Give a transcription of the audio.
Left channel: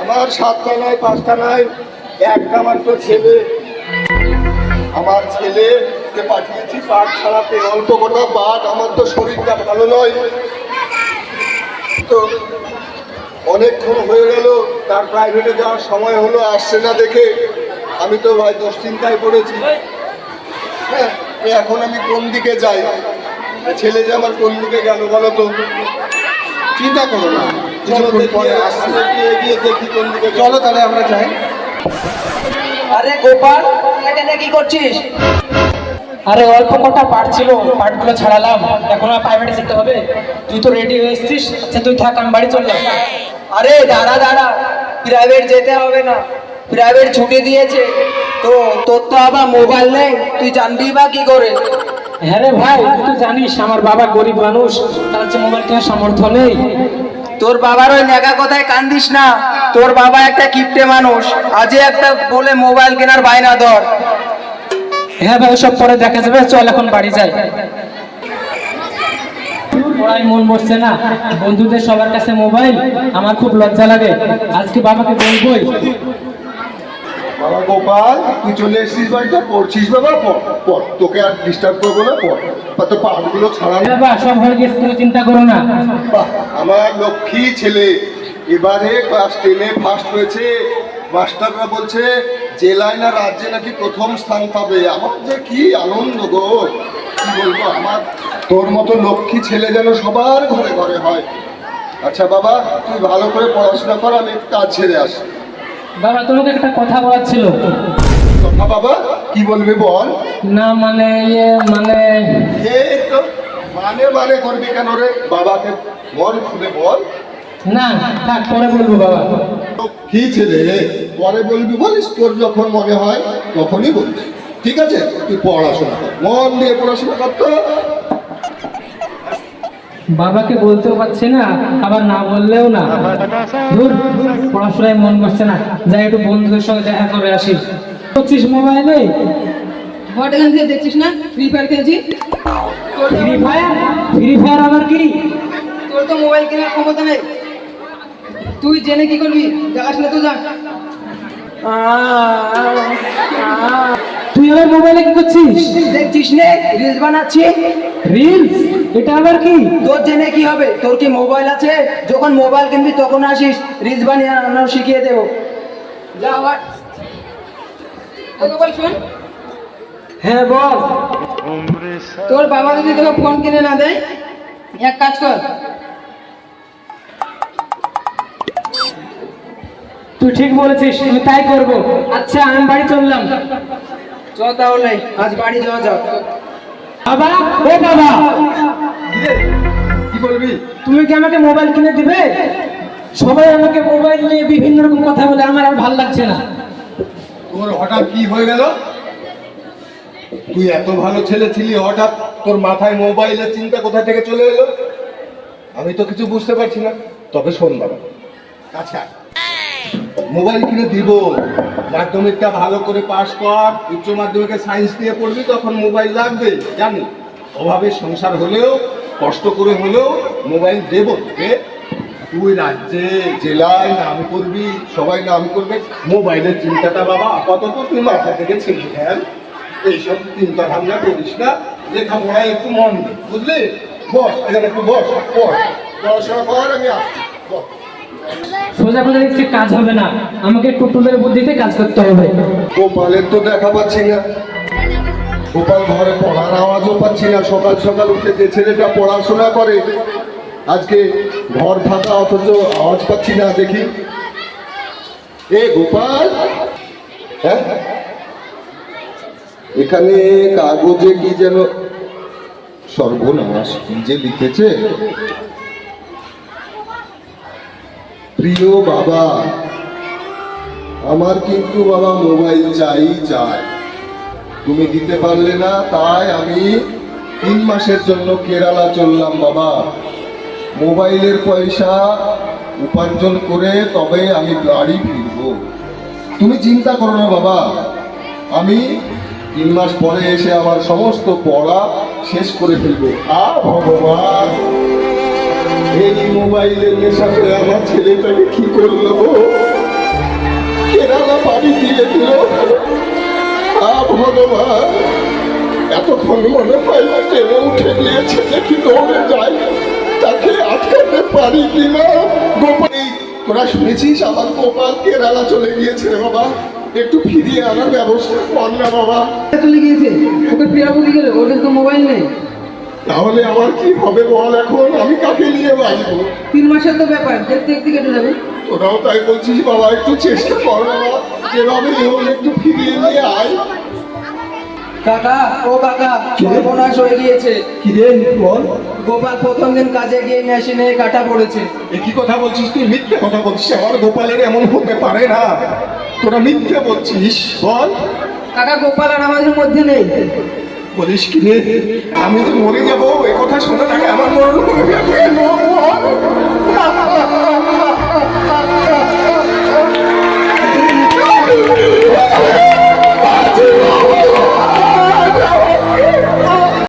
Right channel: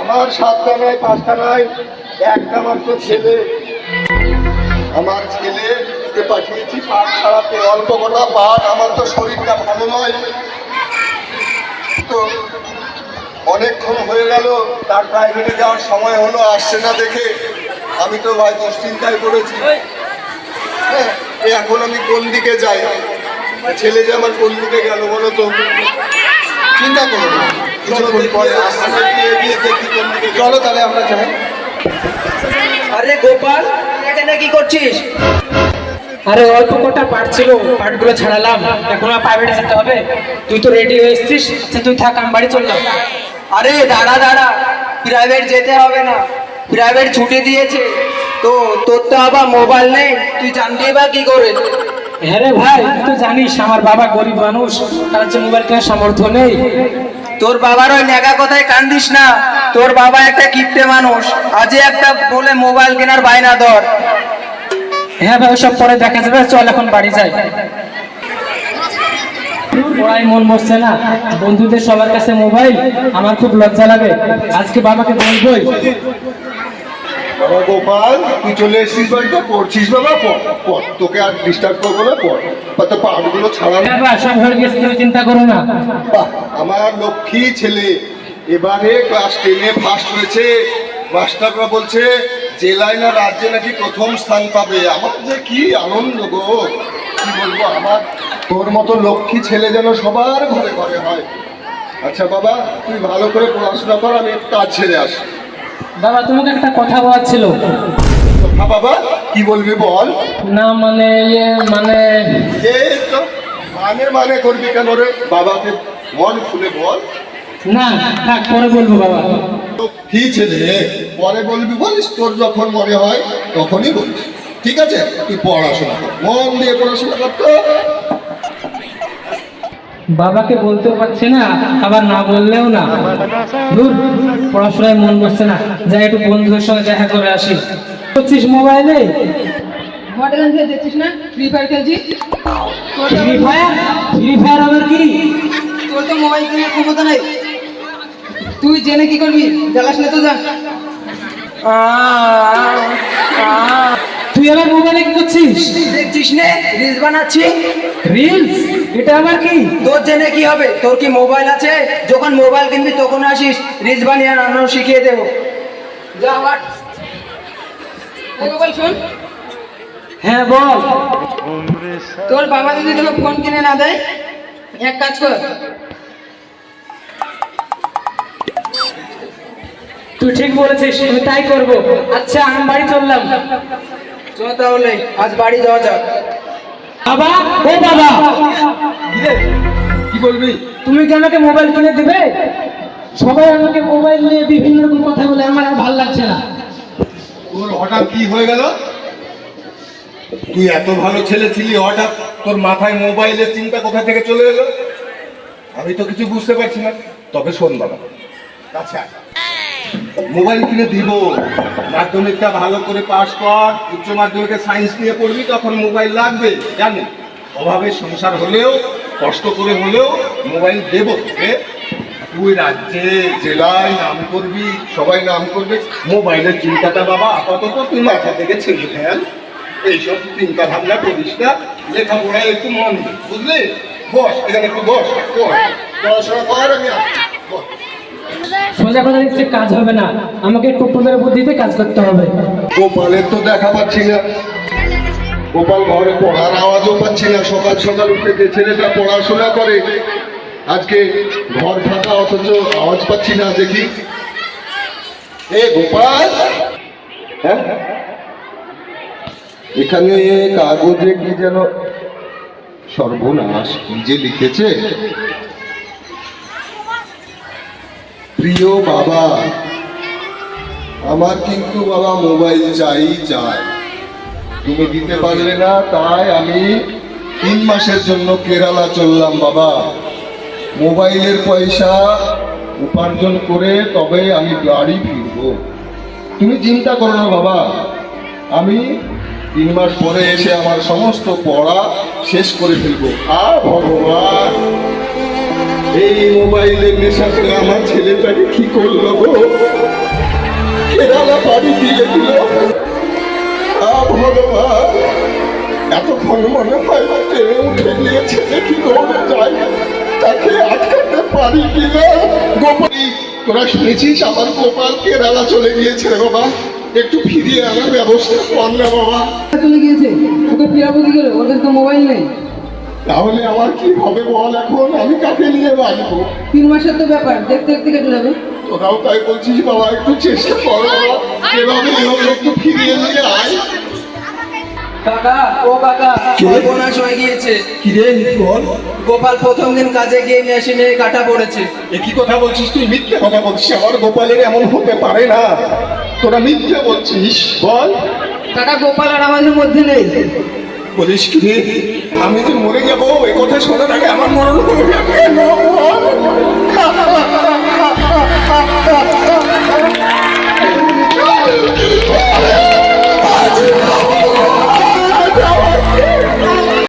আমার 7টা নয় 5টা নয় একটা মাত্র ছেলে। আমার ছেলেকে পাঠিয়েছি পাঠ ছাড়াতে, অল্প কোনো পাঠ। আমার তো শরীরটা ভালো নয়, তো অনেকক্ষণ হয়ে গেল, তার প্রাইভেটে যাওয়ার সময় হলো, আসছে না দেখে আমি তো ভাই দুশ্চিন্তায় পড়েছি। হ্যাঁ, এখন আমি কোন দিকে যাই? ছেলে যে আমার কোন দিকে গেল বলো তো? চিন্তা করো না, কিছুক্ষণ পরে আসছে। এগিয়ে দেখি কোন দিকে। চলো তাহলে আমরা যাই। আরে গোপাল, এখানে কি করছিস? আরে অল্প কটা পাঠ ছিল, পাঠগুলো ছাড়ালাম, এখন আর প্রাইভেটে যেতে হবে। তুই তো রেডি হয়ে এসছিস, আচ্ছা তুই থাক, আমি বাড়ি চললাম। আরে দাঁড়া দাঁড়া, প্রাইভেট যেতে হবে না, প্রাইভেট ছুটি দিয়েছে তো। তোর তো আবার মোবাইল নেই, তুই জানবি বা কি করে? হ্যাঁ রে ভাই, তুই তো জানিস আমার বাবা গরিব মানুষ, তার হচ্ছে মোবাইল কেনার সামর্থ্য নেই। তোর বাবার ওই নেগা কথায় কান দিস না, তোর বাবা একটা কিপ্টে মানুষ, আজই একটা বলে মোবাইল কেনার বায়না ধর। হ্যাঁ ভাই, সব পরে দেখা যাবে, চল এখন বাড়ি যাই। পড়ায় মন বসছে না, বন্ধুদের সবার কাছে মোবাইল, আমার খুব লজ্জা লাগে। আজকে বাবাকে বলবোই। বাবা গোপাল, তুই চলে এসেছিস বাড়িতে, পড়ছিস বাবা? পড়, তোকে আর ডিস্টার্ব করবো না, পড়। তো পাঠগুলো ছাড়া হ্যাঁ বাবা, সব হয়ে গেছে, তুমি চিন্তা করো না। আমার লক্ষ্মী ছেলে এবারে ক্লাস 10-এ ফার্স্ট হয়েছে। মাস্টাররা বলছে জেলায় না রাজ্যে নাকি প্রথম স্থান পাবে। আমার যে কি আনন্দ গো, কি বলবো। আমার তোর মতো লক্ষ্মী ছেলে যেন সবার ঘরে ঘরে হয়। আচ্ছা বাবা, তুই ভালো করে পড়াশোনা কর, আমি কাজ ছেড়ে আসি। বাবা, তোমাকে একটা কথা বলার ছিল। বাবা কি বলবি বল। না মানে এই তো মানে করবি কেন রে? বাবাকে মন খুলে বল। না থাক, পরে বলবো বাবা। কি ছেলে, পরে বলবি বলিস, তোর যখন মনে হয় তখনই বলিস, ঠিক আছে? তুই পড়াশোনা কর, মন দিয়ে পড়াশোনা করতো। বাবাকে বলতেও পারছি না, আবার না বললেও না। ধুর, পড়াশোনায় মন বসছে না, যাই একটু বন্ধুদের সঙ্গে দেখা করে আসি। করছিস মোবাইলে? হোটেল দেখছিস না, ফ্রি ফায়ার খেলছি। Free fire? ফ্রি ফায়ার আবার কি? তোর তো মোবাইল কেনার ক্ষমতা নাই, তুই জেনে কি করবি? জ্বালাস না তো, যা। তুই আবার মোবাইলে কি করছিস? দেখছিস নে, রিলস বানাচ্ছি। রিলস? এটা আবার কি? তোর জেনে কি হবে? তোর কি মোবাইল আছে? যখন মোবাইল কিনবি তখন আসিস, রিলস বানিয়ে আমরাও শিখিয়ে দেবো। যা আবার মোবাইল শোন, হ্যাঁ বল। তোর বাবা যদি তোকে ফোন কিনে না দেয়, এক কাজ কর, তুই ঠিক বলেছিস, আমি তাই করবো। আচ্ছা আমি বাড়ি চললাম। চ তাহলে আজ বাড়ি যাওয়া যাক। বাবা, ও বাবা, কি বলবি? তুমি কি আমাকে মোবাইল কিনে দিবে? সবাই আমাকে মোবাইল নিয়ে বিভিন্ন রকম কথা বলে, আমার আর ভালো লাগছে না। তোর হঠাৎ কি হয়ে গেল? তুই এত ভালো ছেলে ছিলি, হঠাৎ তোর মাথায় মোবাইলের চিন্তা কোথা থেকে চলে এলো? আমি তো কিছু বুঝতে পারছি না। তবে শোন বাবা, আচ্ছা মোবাইল কিনে দিব, মাধ্যমিকটা ভালো করে পাশ কর, উচ্চ মাধ্যমিকে সায়েন্স নিয়ে পড়বি, তখন মোবাইল লাগবে, জানি। অভাবে সংসার হলেও, কষ্ট করে হলেও মোবাইল দেবো তোকে। তুই রাজ্যে জেলায় নাম করবি, সবাই নাম করবে। মোবাইলের চিন্তাটা বাবা আপাতত তুই মাথা থেকে ছেড়ে ফেল। এইসব চিন্তা ভাবনা করিস না, লেখাপড়ায় একটু মন দে, বুঝলি? বস এখানে, একটু বস, পড়াশোনা কর, আমি আসছি, বস। সোজা কথা দেখছি কাজ হবে না, আমাকে টুটুলের বুদ্ধিতে কাজ করতে হবে। গোপালের তো দেখা পাচ্ছি না, গোপাল ঘরে পড়ার আওয়াজও পাচ্ছি না। সকাল সকাল উঠে যে ছেলেটা পড়াশোনা করে, আজকে ঘর ফাঁকা, অথচ আওয়াজ পাচ্ছি না। দেখি, এ গোপাল, হ্যাঁ এখানে কাগজে কি যেন সর্বনাশ, কি যে লিখেছে। প্রিয় বাবা, আমার কিন্তু বাবা মোবাইল চাই। তুমি দিতে পারলে না, তাই আমি 3 মাসের জন্য কেরালা চললাম বাবা। মোবাইলের পয়সা উপার্জন করে তবে আমি বাড়ি ফিরবো। তুমি চিন্তা করো না বাবা, আমি 3 মাস পরে এসে আমার সমস্ত পড়া শেষ করে ফেলবো। ভগবান, এই মোবাইলের নেশাতে আমার ছেলেটাকে কি করলো গো? দিল। ভগবান, এতক্ষণ মনে হয় ট্রেনে উঠে গিয়ে ছেলে কি দৌড়ে যায়, তাকে আটকাতে পারি কিনা। গোপাল, তোরা শুনেছিস আমার গোপাল কেরালা চলে গিয়েছে রে বাবা, একটু ফিরিয়ে আনার ব্যবস্থা কর না বাবা। চলে গিয়েছে, ওকে ফিরাবো কি করে? ওর কাছে তো মোবাইল নেই। তাহলে আমার কি হবে বল এখন, আমি কাকে নিয়ে বাঁচবো? 3 মাসের তো ব্যাপার, দেখতে দেখতে কেটে যাবে। তোরাও তাই বলছিস বাবা, একটু চেষ্টা কর বাবা, এভাবে হোক একটু ফিরিয়ে নিয়ে আয়। কাকা, ও কাকা, সর্বনাশ হয়ে গিয়েছে। কি রে বল? গোপাল প্রথম দিন কাজে গিয়ে মেশিনে কাটা পড়েছে। একই কথা বলছিস তুই? মিথ্যে কথা বলছিস, আমার গোপালের এমন হতে পারে না, তোরা মিথ্যে বলছিস। বল, কাকা, গোপাল আর আমাদের মধ্যে নেই। বলিস কি রে? আমি যে মরে যাবো এ কথা শুনে থাকে আমার মরণ হয়ে যাবে।